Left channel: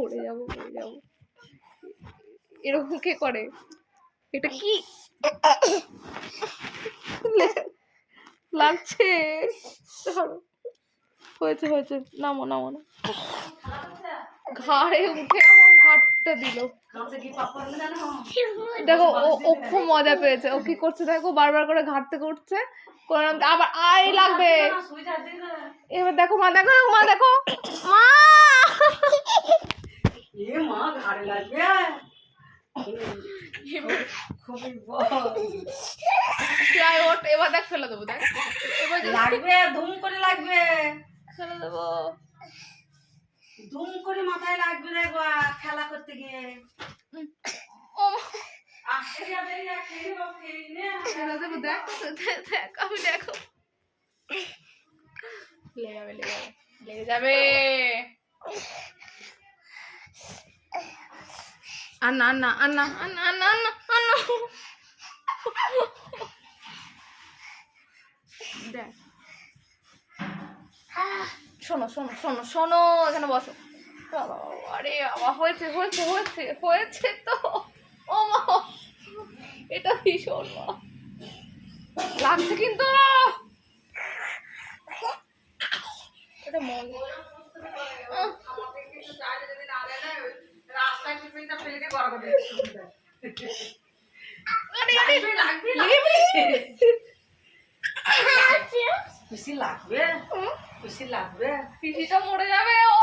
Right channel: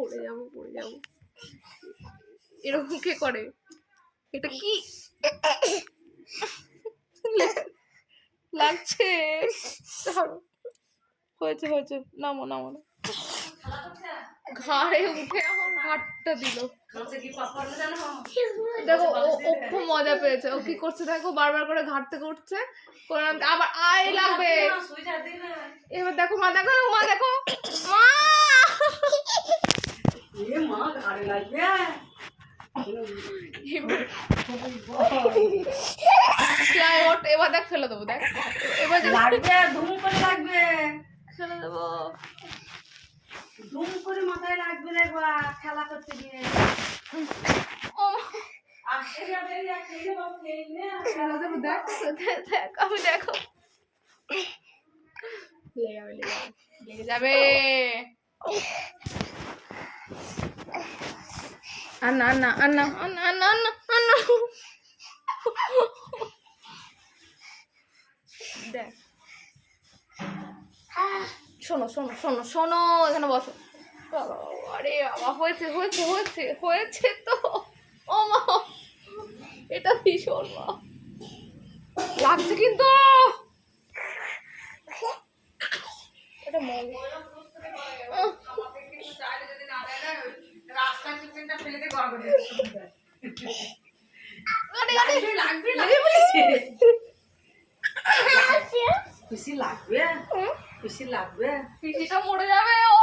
পড়ে যাবো এরকম কে করে? এটা কি লাগছে? হয়েছে হয়েছে, নামো নামো না। ঘাড়ে উঠে আমার হাতটা দিল। দেখো ও খুব মজা পেয়েছে। ও কি করছে দেখো, বারবার করে ঘাট থেকে উঠছে, আবার আয় লাগবে। এবার দেখো মা, দেখো মা, দেখো মা, মা ঘাড়ে লাগবে। এবার দেখ ফেলে দেবো, দেখ এবার লাগবে, ধুম করে লাগবে, ফেলে দেবো। ধুম করে মাথায় লাগবে রে গো, খেলা করতে গিয়ে। ফেলে দেবো, দেখ দেখ, আমি দেখো লেগে যাবে। আন্না আন্না আন্না আন্না আন্না আন্না আন্না, দেখ শোনো শোনো শোনো শোনো, এখানে বসো। আরে বাবা, হয়েছে হয়েছে হয়েছে হয়েছে তো। ও মা, এটা ভীষণ লাগছে কিন্তু। এটা মজা। পিসি লাগবে, পিসি লাগবে, পিসিটা মরে যাবে। ও